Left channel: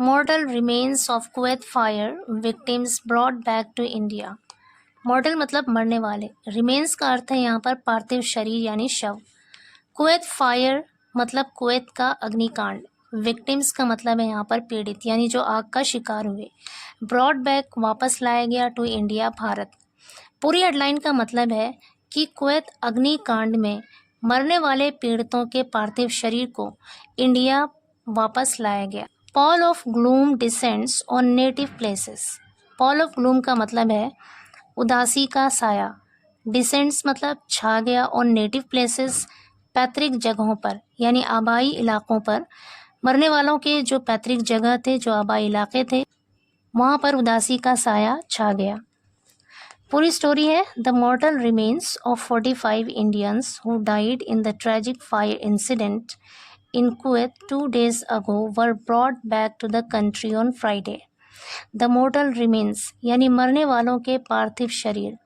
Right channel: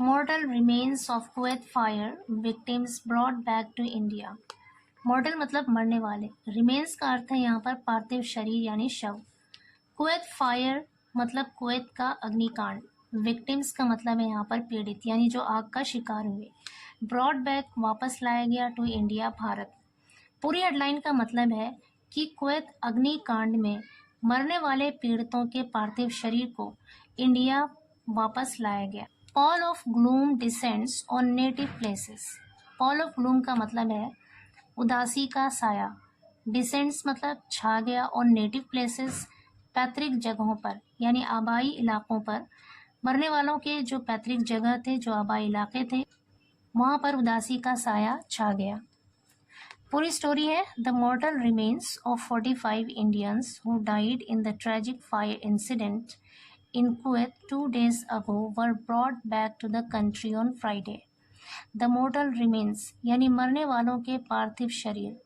Mortal remains of Kuwait fire victims brought back to India. मॉर्टल मतलब मरने वाले, remains का अर्थ है यहाँ पर पार्थिव शरीर यानी शव। कुवैत फायर मतलब कुवैत का अग्निकांड। विक्टिम्स का मतलब है यहाँ पर पीड़ित यानी जो आग का शिकार हुए। ब्रॉड बैक वापस लाया गया टू इंडिया भारत। पूरी हेडलाइन का मतलब है कि कुवैत अग्निकांड में मरने वाले पीड़ितों के पार्थिव शरीर को इंडिया वापस लाया गया। Paul of gloom descends on native places. Paul of gloom का मतलब है उदासी का साया। डिसेंड्स मतलब छा गया ऑन नेटिव प्लेसेस, पैतृक जगहों पर यानी आबाई इलाकों पर। मरने वालों के जो पैतृक जगह थे, जो आबाई इलाके थे, वहाँ पर उदासी का साया छा गया। पूरी स्टोरी है the मॉर्टल remains of 45 Indians who died in the tragic fire incident in Kuwait 2 days ago were brought back to the country on Friday. The mortal remains यानी मरने वालों के पार्थिव शरीर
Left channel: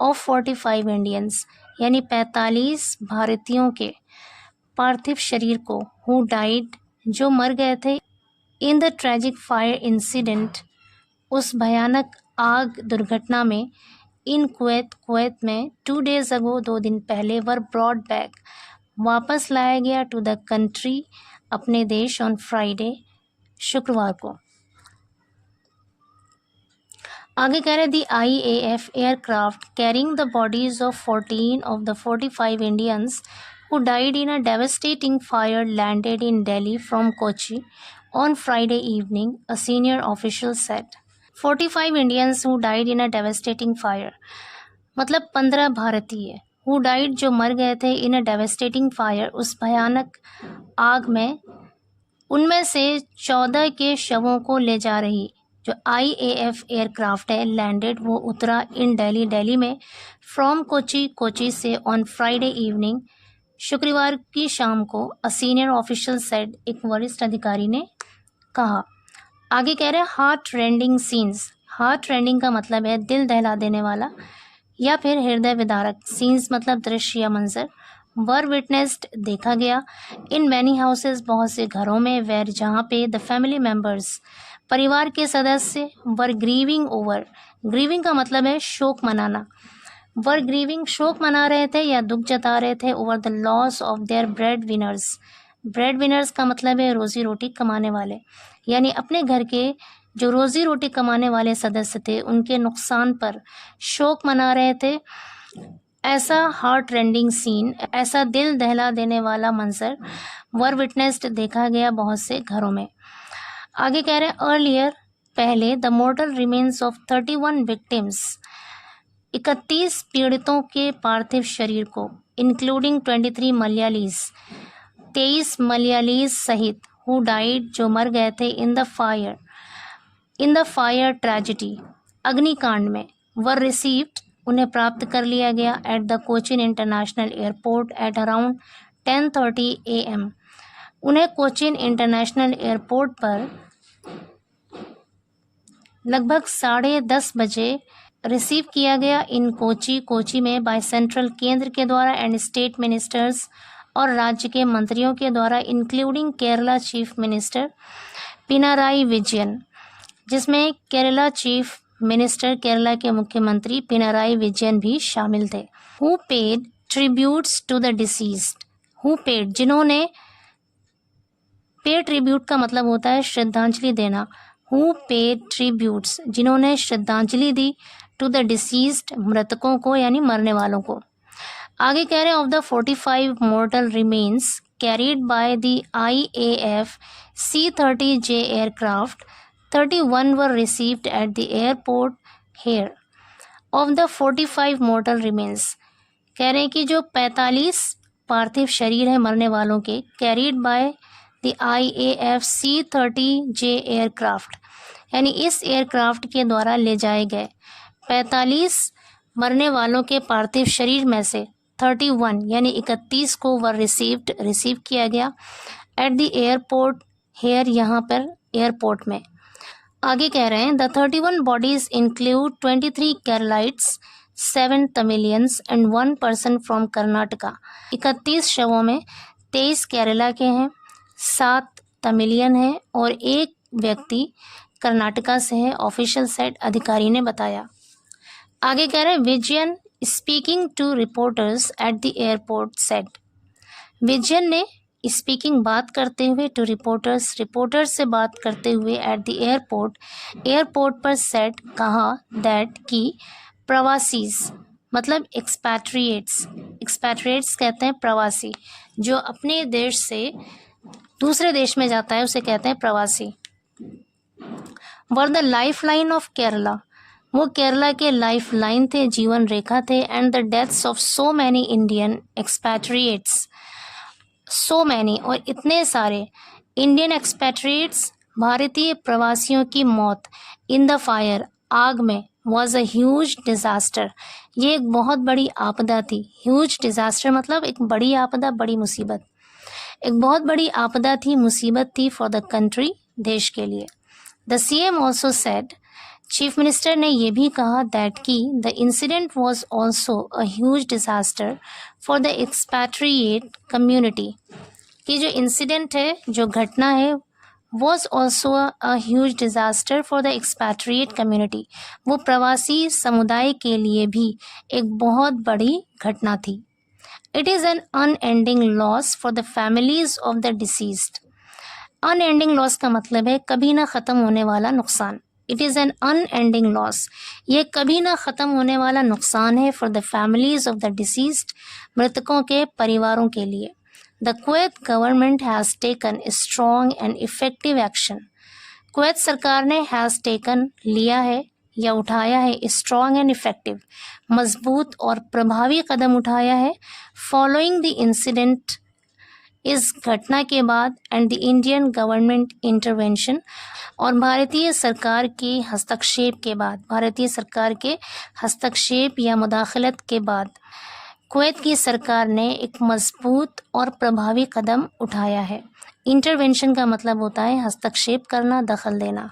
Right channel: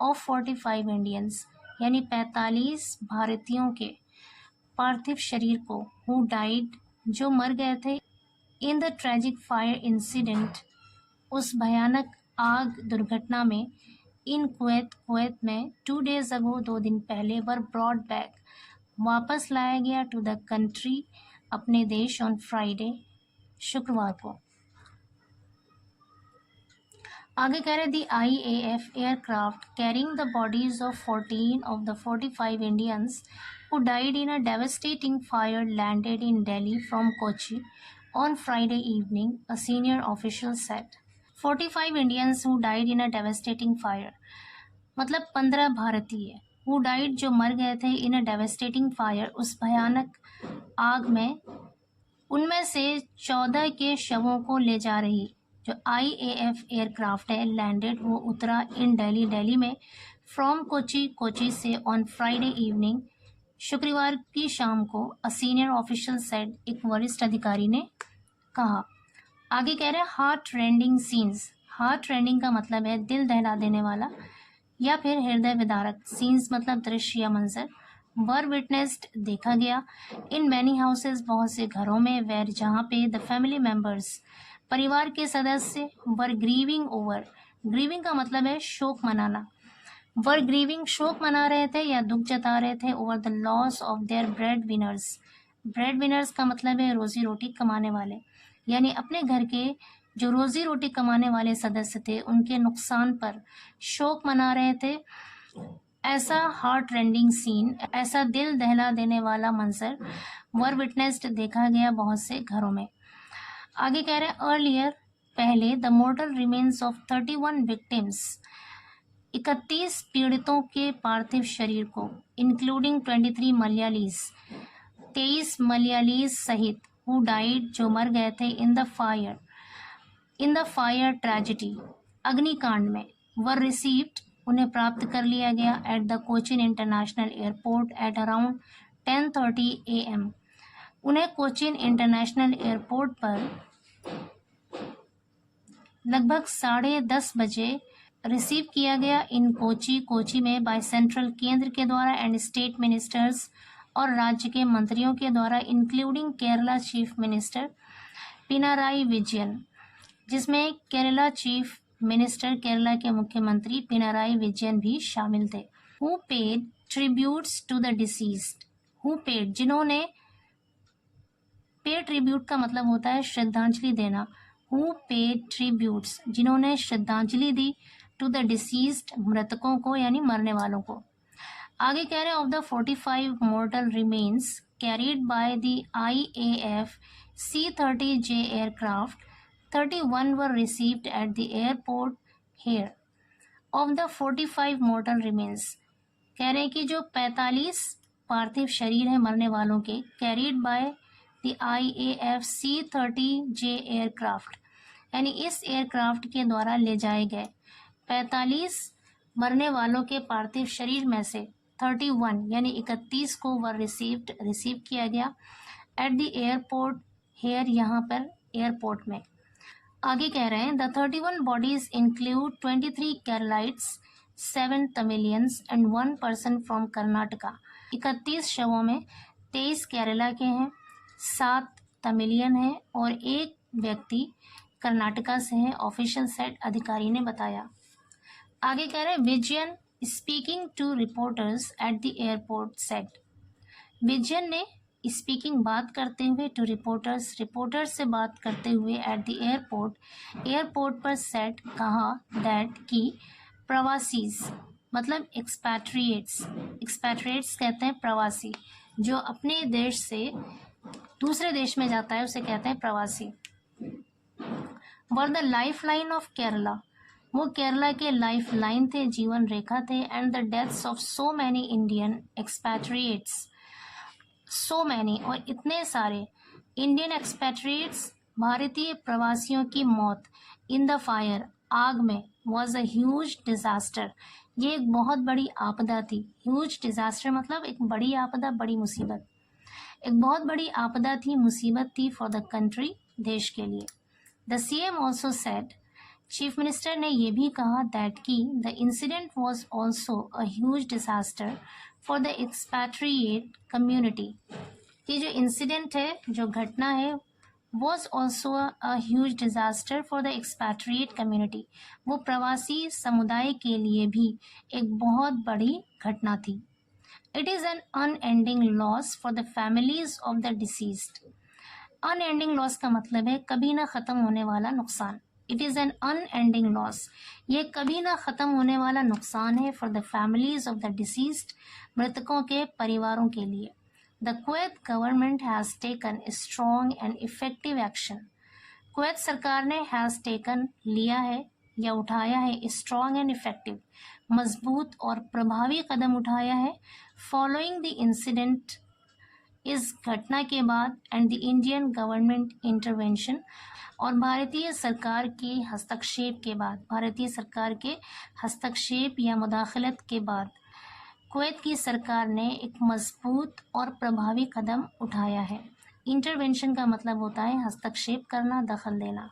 of 45 Indians यानी 45 भारतीयों के पार्थिव शरीर को who died जो मर गए थे in the tragic fire incident उस भयानक आग दुर्घटना में in कुवैत में 2 days ago 2 दिन पहले were brought back वापस लाया गया टू द कंट्री अपने देश ऑन फ्राइडे शुक्रवार को। आगे कह रहे दी IAF aircraft carrying the bodies of 14 of the 45 Indians who died in a devastating fire landed in Delhi from Kochi on Friday evening, a senior official said. 45 Indians who died in a devastating fire मतलब 15 भारतीय who died जो मर गए थे इन अ devastating fire उस भयानक आग में, उनमें से 14 के शवों को ले जा रही जो IAF एयरक्राफ्ट है लैंडेड वो उतरा इन दिल्ली में फ्रॉम कोची से ऑन फ्राइडे इवनिंग शुक्रवार की शाम को, अ सीनियर ऑफिशियल सेड एक वरिष्ठ अधिकारी ने कहा। आगे कह रहे हैं heart rending scenes. Heart rending का मतलब है दिल दहला देने वाला या फिर हृदय विदारक। सीन्स मतलब दृश्य या मंजर। वर विटनेस्ड देखा गया इन मैनी हाउसेस बहुत से घरों में, वेर जहाँ पे द फैमिली मेंबर्स परिवार के सदस्य वर ग्रीविंग ओवर। ग्रीविंग का मतलब है शोक मनाना। वर ग्रीविंग शोक मना रहे थे या दुख जता रहे थे over the loss of their bread winners. Bread winners का मतलब है रोजी रोटी कमाने वाले यानी अपने घर के जो रोजी रोटी कमाने वाले सदस्य थे उनके नुकसान पर शोक मना रहे थे। ऐसा हार्ट रेंडिंग सीन, ऐसा दिल दहला देने वाला मंजर वर विटनेस्ड देखा गया बहुत से घरों में। आगे कह रहे हैं अर्लियर पहले द मॉर्टल रिमेन्स ऑफ 31 विक्टिम्स 31 पीड़ितों के पार्थिव शरीर को इंक्लूडिंग 23 मलयालीज 23 मलयालीज सहित हु डाइड जो मर गए थे इन द फायर ट्रेजिडी अग्निकांड में, वर रिसीव्ड उन्हें प्राप्त कर लिया गया at the Cochin international airport at around 10:30 AM। उन्हें कोचिन इंटरनेशनल एयरपोर्ट पर लगभग 10:30 बजे रिसीव किया गया इन कोची में बाय सेंट्रल केंद्र के द्वारा एंड स्टेट मिनिस्टर्स और राज्य के मंत्रियों के द्वारा including Kerala chief minister Pinarayi Vijayan, जिसमें केरला चीफ मिनिस्टर केरला के मुख्यमंत्री पिनाराई विजयन भी शामिल थे। Who paid tributes to the deceased. Who paid जिन्होंने, पे ट्रिब्यूट का मतलब होता है श्रद्धांजलि देना। हु पेड ट्रिब्यूट्स जिन्होंने श्रद्धांजलि दी टू द डिसीज्ड मृतकों को यानी मरने वालों को। आगे कह रहे हैं of the 45 मॉर्टल remains carried by the IAF C-30J aircraft 31 were received at the airport here. Of the 45 mortal remains कह रहे हैं कि जो 45 पार्थिव शरीर है मरने वालों के carried by the IAF C-30J aircraft यानी इस एयरक्राफ्ट के द्वारा ले जाए गए 45 मरने वालों के पार्थिव शरीर में से 31 यानी 31 को वर रिसीव किया गया एट द एयरपोर्ट हेयर यहाँ पर एयरपोर्ट में। आगे कह रहे हैं the 31 bodies include 23 Keralites 7 Tamilians and 1 person from Karnataka. 31 शवों में 23 केरला के हैं, 7 तमिलियन हैं और 1 व्यक्ति कर्नाटका से है, ऑफिशियल सेट अधिकारी ने बताया। आगे कह रहे हैं Vijayan speaking to reporters at the airport said. Vijayan ने स्पीकिंग बात करते हुए टू रिपोर्टर्स से बात करते हुए एट द एयरपोर्ट पर सेट कहा दैट कि प्रवासीज मतलब एक्सपैट्रिएट्स कहते हैं प्रवासी, जो अपने देश से दूसरे देश में जाता है उसे कहते हैं प्रवासी। Were the life line of Kerala, वो केरला के लाइफ लाइन थे, जीवन रेखा थे। And the deaths of so many Indian expatriates, so many और इतने सारे इंडियन एक्सपैट्रिएट्स भारतीय प्रवासियों की मौत इन द फायर आग में वॉज अ ह्यूज डिज़ास्टर, ये एक बहुत बड़ी आपदा थी। ह्यूज डिज़ास्टर मतलब एक बड़ी आपदा, बड़ी मुसीबत, एक बहुत बड़ी आपदा थी, मुसीबत थी फॉर द कंट्री, देश के लिए। The CM also said, chief minister ने यह भी कहा दैट कि the incident was also a huge disaster for the expatriate community, कि जो इंसिडेंट है, जो घटना है, was also a huge disaster for the expatriate community, वो प्रवासी समुदाय के लिए भी एक बहुत बड़ी घटना थी। It is an unending loss for the families of the deceased. Unending loss का मतलब है कभी ना ख़त्म होने वाला नुकसान। It is an unending loss, ये कभी ना ख़त्म होने वाला नुकसान है for the families of the deceased, मृतकों के परिवारों के लिए। The Kuwait government has taken strong and effective action, Kuwait सरकार ने हैज़ टेकन लिया है या उठाया है, स्ट्रॉन्ग एंड इफ़ेक्टिव मजबूत और प्रभावी कदम उठाया है, फॉलोइंग द इंसिडेंट इस घटना के बाद, and the Indian government intervention और भारतीय सरकार के हस्तक्षेप के बाद, भारतीय सरकार के हस्तक्षेप या मुदाखलत के बाद कुवैत की सरकार ने एक मजबूत और प्रभावी कदम उठाया है। इंटरवेंशन का मतलब होता है हस्तक्षेप करना, दखल देना।